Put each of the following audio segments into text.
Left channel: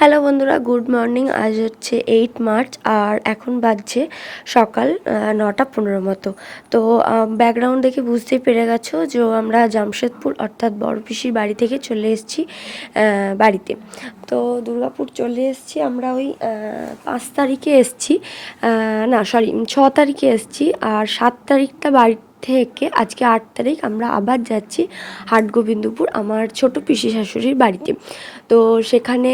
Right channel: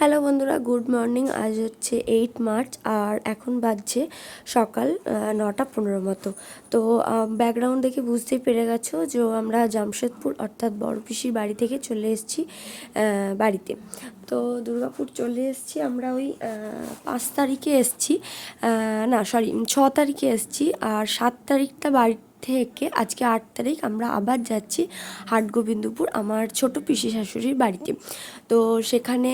Hello বন্ধুরা, good morning. আজ হচ্ছে 8 মার্চ আর এখন বাজছে সকাল 9:15 মতো। তো ব্যাকগ্রাউন্ড দেখে বুঝতেই পেরে গেছো যে আমরা জামশেদপুর অর্থাৎ বড় পিসির বাড়ি থেকে চলে এসেছি বাড়িতে। তো দুর্গাপুর চলে এসেছি আমরা ওই 5 তারিখে এসেছি, না সরি 6 তারিখে এসেছি। আর 7 তারিখটা বাড়ি থেকে আজকে 8 তারিখ আমরা আবার যাচ্ছি হাটগোবিন্দপুর আমার ছোট পিসি শাশুড়ির বাড়িতে। তো সেখানে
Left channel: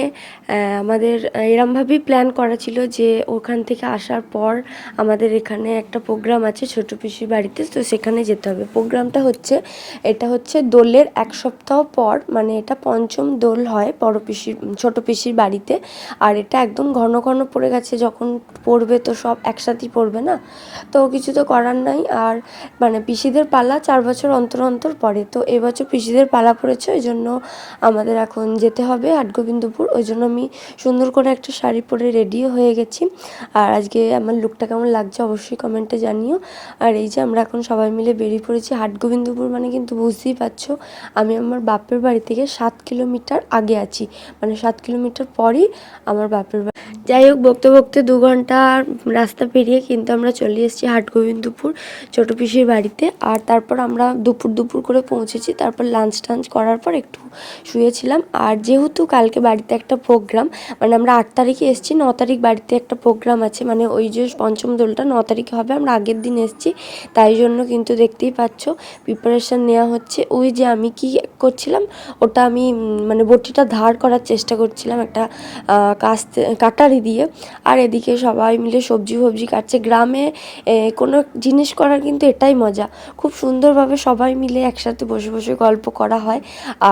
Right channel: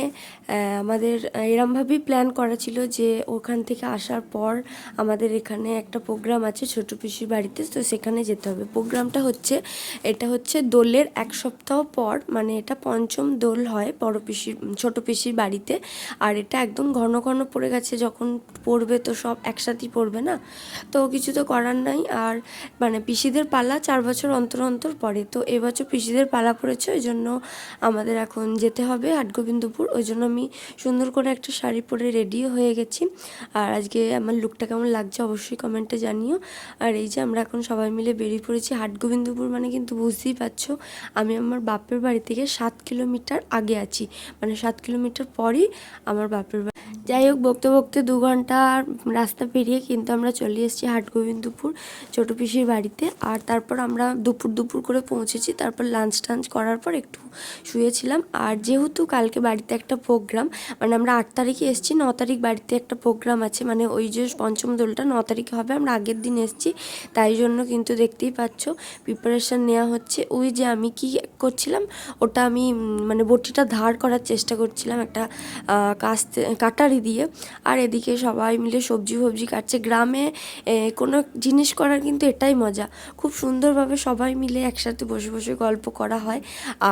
আমাদের এরমভাবেই প্ল্যান করা ছিল যে ওখান থেকে আসার পর আমাদের এখানে একটা প্রোগ্রাম আছে ছোট পিসির বাড়িতে, তো সেখানে যেতে হবে। প্রোগ্রামটা হচ্ছে এটা হচ্ছে দোলের 1 সপ্তাহ পর, মানে এটা পঞ্চম দোল হয় বড় পিসির ছোট পিসির বাড়িতে। আর এটা একদম ঘন ঘন পড়ে গেছে, যখন পড়বে তো সব একসাথেই পড়বে না, তো কিছু তো করার নাই। আর মানে পিসিদের পালা 4 বছর অন্তর অন্তর পড়ে, তো এবছর পিসিদের পালা পড়েছে, ওই জন্য আমাদের এখন যেতে হবে হাটগোবিন্দপুর। ওই জন্য আমি সুন্দর করে একটা শাড়ি পরে রেডিও হয়ে গেছি। আর আজকে আমার লুকটা কেমন লাগছে অবশ্যই কমেন্টে জানিও। আর এই যে আমরা এখন সবাই মিলে বেরিয়ে পড়েছি হাটগোবিন্দপুর, মানে কিন্তু বুঝতেই পারছো আমি আমার বাপের বাড়ি থেকে 7 কিলোমিটার আগে আছি, মানে 7 কিলোমিটার পরই আমার বাপের বাড়ি। যাই হোক, বকতে বকতে 2 ঘন্টা রাস্তা পেরিয়ে কিন্তু আমরা চলে এসেছি হাটগোবিন্দপুর ছোটো পিসির বাড়িতে। আর তারপর আমরা দুপুর করে পৌঁছেছি। তারপর লাঞ্চ টাঞ্চ করার পর একটু শুয়েছিলাম। আর যেহেতু কালকে বাড়িতে একটা প্রোগ্রাম, মানে আমরা 8 তারিখে এসেছি, 9 তারিখ বাড়িতে একটা প্রোগ্রাম আছে, মানে ওই যে পঞ্চম দোলটা 9 তারিখে হবে, আমরা আগের দিন এসেছি, তাই জন্য কিন্তু দেখতেই পাচ্ছ প্রিপারেশান নেওয়া হচ্ছে। ওই যে আমি কি করছিলাম, ওটা আমি মানে বটিটা ধার করার চেষ্টা করছিলাম একটা কাটারি দিয়ে। আর এদিকে সবাই মিলে সবজি কাটছে। গ্রামে কোনো জিনিস করার কিন্তু এটাই মজা, খুব সুন্দরভাবে সবাই মিলে একসাথে বসে বসে গল্প করা হয়।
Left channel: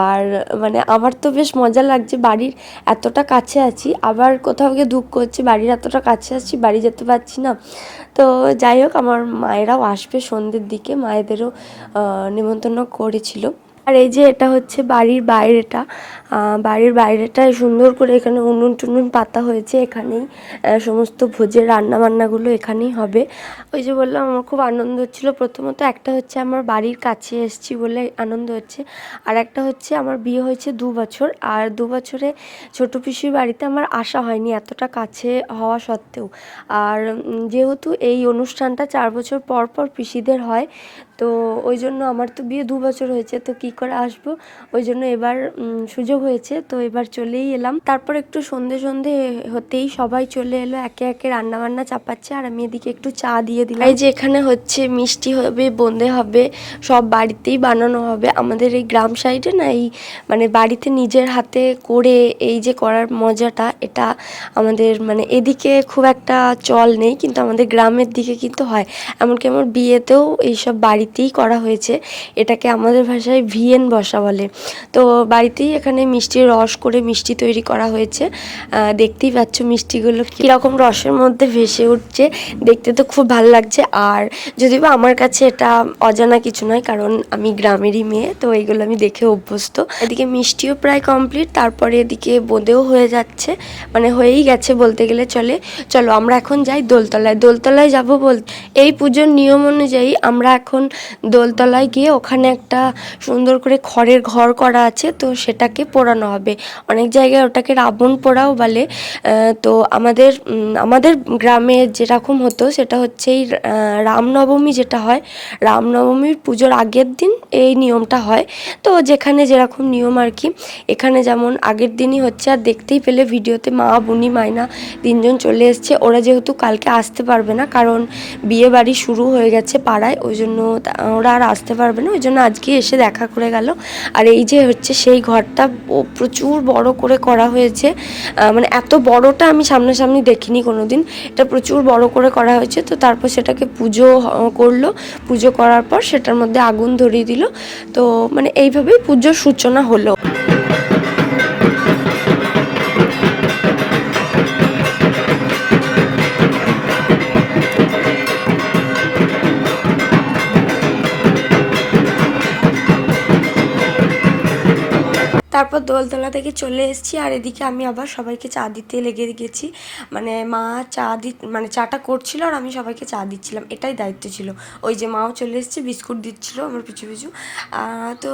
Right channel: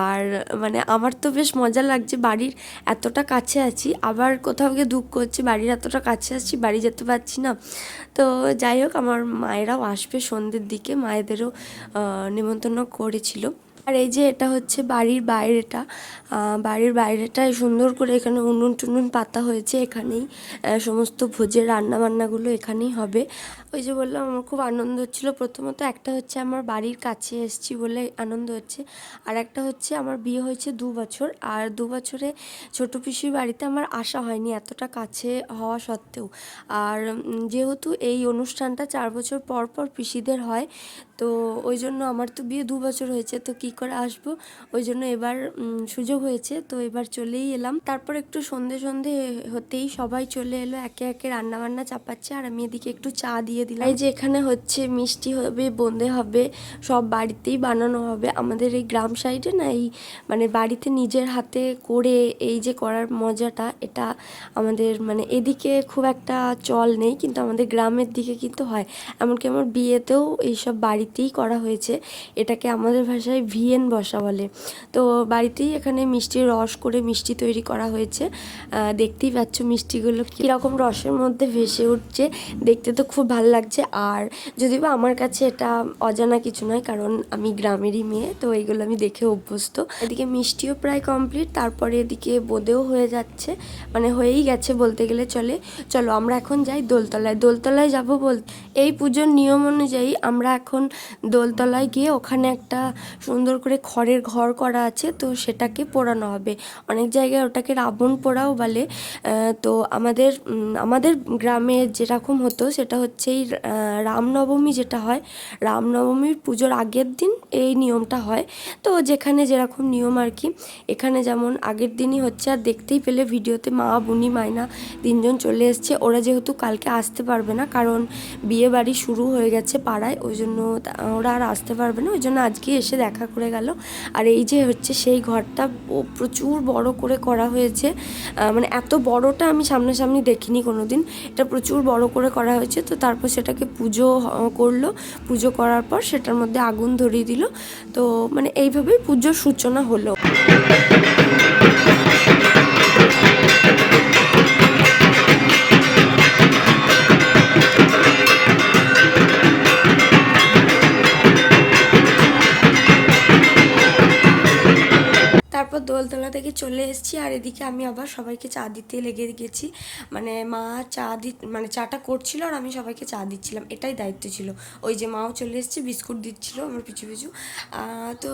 আর মানে আমার তো বেশ মজা লাগছে, বাড়ির এতটা কাছে আছি, আবার কোথাও গিয়ে দুঃখ হচ্ছে বাড়ির এতটা কাছে আছি, বাড়ি যেতে পারছি না। তো যাই হোক, আমার মায়েরাও আসবে সন্ধ্যের দিকে, মায়েদেরও নিমন্ত্রণ করেছিল। আর এই যে এটা হচ্ছে বাড়ির বাইরেটা সুন্দর করে এখানে উনুন টুনুন পাতা হয়েছে, এখানেই সমস্ত ভোজের রান্নাবান্নাগুলো এখানেই হবে। ওই যে বললাম আমার খুব আনন্দ হচ্ছিলো। প্রথমত একটা হচ্ছে আমার বাড়ির কাছে এসেছি বলে আনন্দ হচ্ছে, আর একটা হচ্ছে আমার বিয়ে হয়েছে 2 বছর, আর 2 বছরে ছোটো পিসির বাড়িতে আমার আসা হয়নি এতটা কাছে হওয়া সত্ত্বেও। আর যেহেতু এই অনুষ্ঠানটা 4 বছর পর পর পিসিদের হয়, তো ওই জন্য আমার তো বিয়ে 2 বছর হয়েছে, তো কি করে আসবো, ওই জন্য এবার সুযোগ হয়েছে, তো এবার চলেই এলাম। তারপর একটু সন্ধে হতেই সবাই চলে এলো, একে একে রান্নাবান্না চাপাচ্ছে, আর আমি এদিকে একটু চা দিয়ে দিলাম। এই যে এখানে হচ্ছে মিষ্টি হবে, বোঁদে হবে, সব বাড়িতেই বানানো হবে। আমাদের এই গ্রাম সাইডে না, এই মানে বাড়িতে নিজের হাতে করে এই যে করার মজাটা, এটা আমাদের মানে এদিকে খুব একটা চল নেই, কিন্তু আমাদের গ্রামের দিকে কিন্তু হয়। এমনকি আমার বিয়েতেও এইসব বাড়িতেই করা হয়েছে, এটাকে আমাদের ভাষায় ভিয়েন বসা বলে। তো বাড়িতেই এখানে মিষ্টির রস করে মিষ্টি তৈরি করা হয়েছে। দেখতেই পাচ্ছ মিষ্টিগুলো কীরকম রসের মধ্যে ভেসে উঠছে, দেখতে তো খুব ভালো লাগছে। আর যদিও বা আমার কাছে এটা অজানা কিছু নয়, কারণ আমি গ্রামেরই মেয়ে, তো এইগুলো আমি দেখে অভ্যস্ত। এদিকে মিষ্টিও প্রায় কমপ্লিট, তারপরে এদিকে বোঁদেও হয়ে যাচ্ছে, মানে হয়েই গেছে বলতে গেলে চলে। চলো আমরা এখন যাই দোলতলায় যাব এই পুজোর নিয়ম অনুযায়ী আমরা এখন দোলতলায় গিয়ে ওখানে একটা সুন্দর করে খড়ের ঘর করা আছে, তো সেটাকে পোড়ানো হবে। অনেক জায়গায় ওটাকে রাবণ পোড়াও বলে। তো আমাদের গ্রামে যেরকম হতো সেটা হচ্ছে এই রামনবমী যেটা হয়, রামনবমীর পুজোর আগের দিন এই নিয়মটা হয়। তো যেখানে যেরকম নিয়ম আর কি, এখানে যেমন আগের দিনই হচ্ছে। আর দেখতেই পেলে ভিডিওতে মা, বুনি, মাইনা 3 জন চলে এসছে। ওরা যেহেতু কালকে আসতে পারবে না, কারণ বিয়ে বাড়ি শুরু হয়ে গেছে পাড়ায়, ওই জন্য ওরা আর আসতে পারবে না, ওই জন্য আজকে এসে দেখা করে গেল। আর এই যে হচ্ছে সেই ঘরটা প্রচুর বড় করে করা হয়েছে, মানে এত বড়টা আমি সামনাসামনি দেখিনি কোনো দিন, এটা প্রচুর বড় করে করা হয়েছে। তো তারপর সেটাকে পুজো করলো, পুজো করার পর সেটার মধ্যে আগুন ধরিয়ে দিল। তো মানে এইভাবেই পুজোর সূচনা হলো। তারপর দোলতলা থেকে চলে এসেছি, আর এদিকে আমি আবার সবাইকে চা দিতে লেগে গেছি। মানে মা মানে চাটা করছিল আর আমি সবাইকে চা দিচ্ছিলাম, এটাই দায়িত্ব ছিল। ওই যে মাও চলে এসেছে, বিস্কুট দিচ্ছিল আমার পিছু পিছু। তো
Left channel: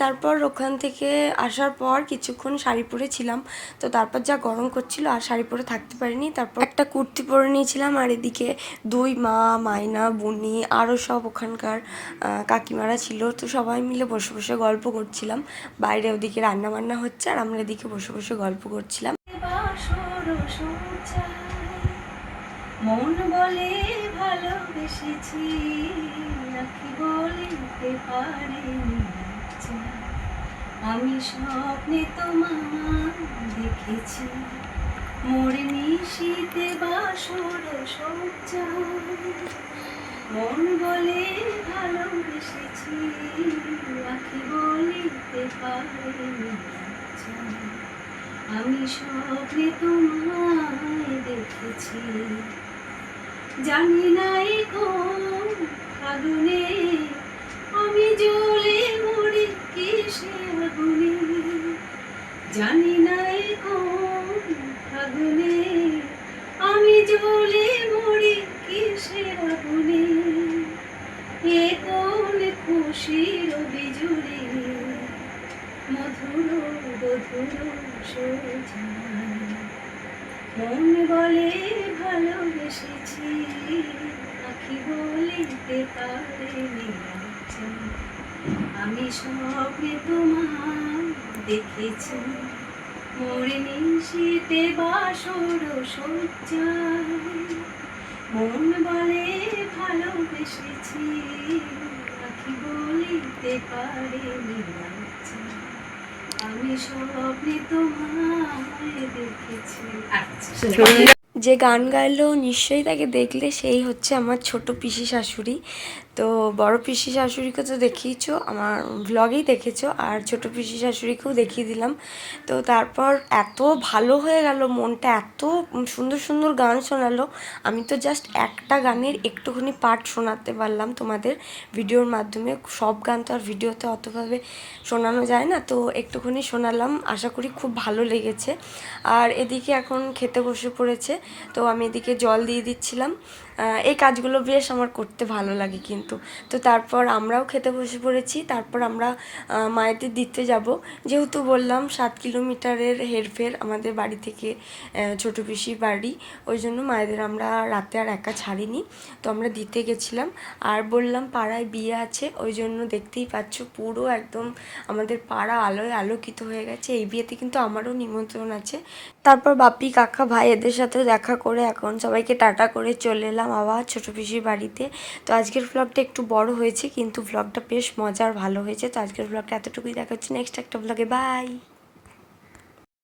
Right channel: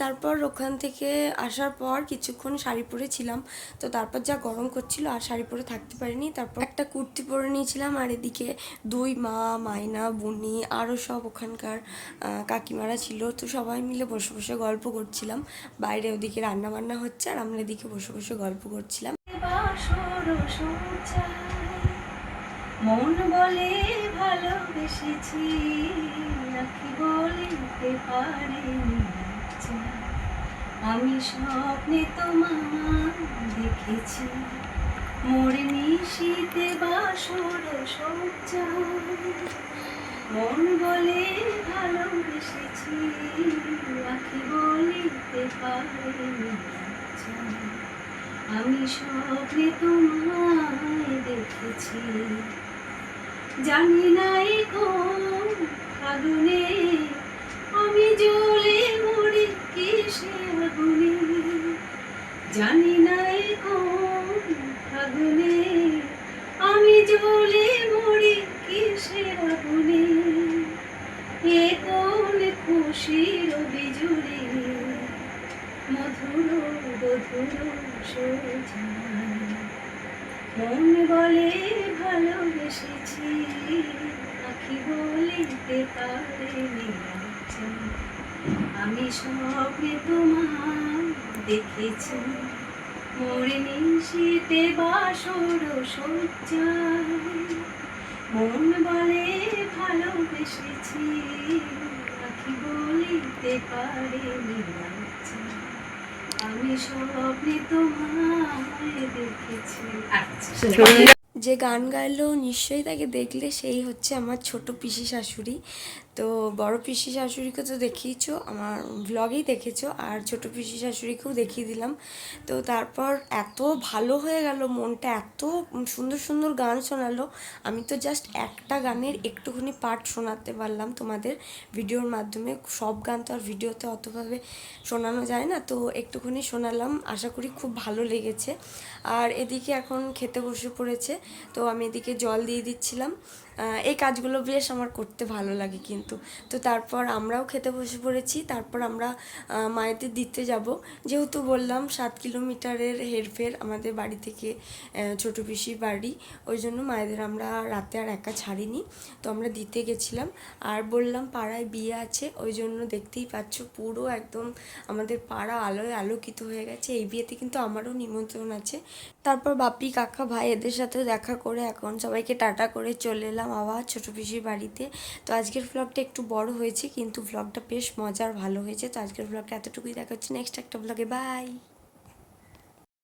তারপর ওখান থেকে আসার পর কিছুক্ষণ শাড়ি পরেছিলাম, তো তারপর যা গরম করছিল আর শাড়ি পরে থাকতে পারিনি, তারপর একটা কুর্তি পরে নিয়েছিলাম। আর এদিকে দুই মা, মাইনা, বুনি আরও সব ওখানকার কাকিমারা ছিল, তো সবাই মিলে বসে বসে গল্প করছিলাম। বাইরে ওদিকে রান্না বান্না হচ্ছে আর আমরা এদিকে বসে বসে গল্প করছিলাম। মন বলে ভালোবেসেছি, আঁখি বলিতে পারিনি, আমি স্বপ্নে তোমার দেখেছি, মোর নিশীতে বাসর সজ্জায়। মন বলে ভালোবেসেছি, আঁখি বলিতে পারিনি, আমি স্বপ্নে তোমায় দেখেছি। জানি নাই কোন আগুনে আমি জ্বলে মরি, কিসে আগুনে, জানি নাই কোন আগুনে আমি জ্বলে মরি, কিসে আগুনে, এ কোন খুশির বিজুড়ি, মধুর মধুর সোজায়। মন বলে ভালোবেসেছি, আঁখি বলিতে পারিনি, আমি স্বপ্নে তোমার দেখেছি, মোর নিশীতে বাসর সজ্জায়। মন বলে ভালোবেসেছি, আঁখি বলিতে পারিনি, আমি স্বপ্নে তোমায় দেখেছি। যে গান গাইলো নিশ্চয়ই তাকে দেখলে, সেই হচ্ছে আমার ছোট পিসি শাশুড়ি। তো বড় পিসি শাশুড়িকে তো দেখিয়েছো, আমার ভ্লগেই দেখেছো, আর ছোট পিসি শাশুড়িকেও দেখিয়ে দিলাম। তো তারপর এত ভালো হয়ে গেল, মনটা এত সুন্দর সুন্দর গান শোনালো। আমি তো জাস্ট একটা গানের একটুখানি পার্ট শোনাতে পারলাম তোমাদের ভিডিওর মাধ্যমে, সব গান তো আর ভিডিওতে অতভাবে শোনানো যায় না, তো একটুখানি শোনালাম। আশা করি খুব ভালো লেগেছে। আর এদিকে এখন খেতে বসে পড়েছে, তো আমি এদিকে জল দিয়ে দিচ্ছিলাম। এই কাজগুলো বেশ আমার করতে ভালো লাগে কিন্তু। তো তারপর আমরাও খেতে বসে পড়েছি। তারপর আমরা মায়েদের দিতে যাব, যেহেতু বললাম 7 কিলোমিটারের হেরফের আমাদের বাড়ি থেকে ছোট পিসির বাড়ি, ওই জন্য মায়েদের আমরা রাতে আর একা ছাড়িনি, তো আমরা দিতে গেছিলাম। আর বললাম পাড়ায় বিয়ে আছে, ওই জন্য দেখতেই পাচ্ছ পুরো একদম আমাদের পাড়া আলোয় আলোকিত হয়ে গেছে। এই বিয়েতে কিন্তু আমারও নিমন্ত্রণ আছে। তারপর বাপি, কাকা, ভাই এদের সাথে দেখা করে এখন সবাইকে টাটা করে চলে এলাম আবার ছোটো পিসির বাড়িতে। তো আজকের ব্লগটা একটু বড় হয়েছে, কিন্তু ব্লগটা বেশ মজার ভালো হয়েছে। তো আজকের ব্লগটা এতটুকুই, দেখা হচ্ছে নেক্সট একটা ব্লগে, বাই।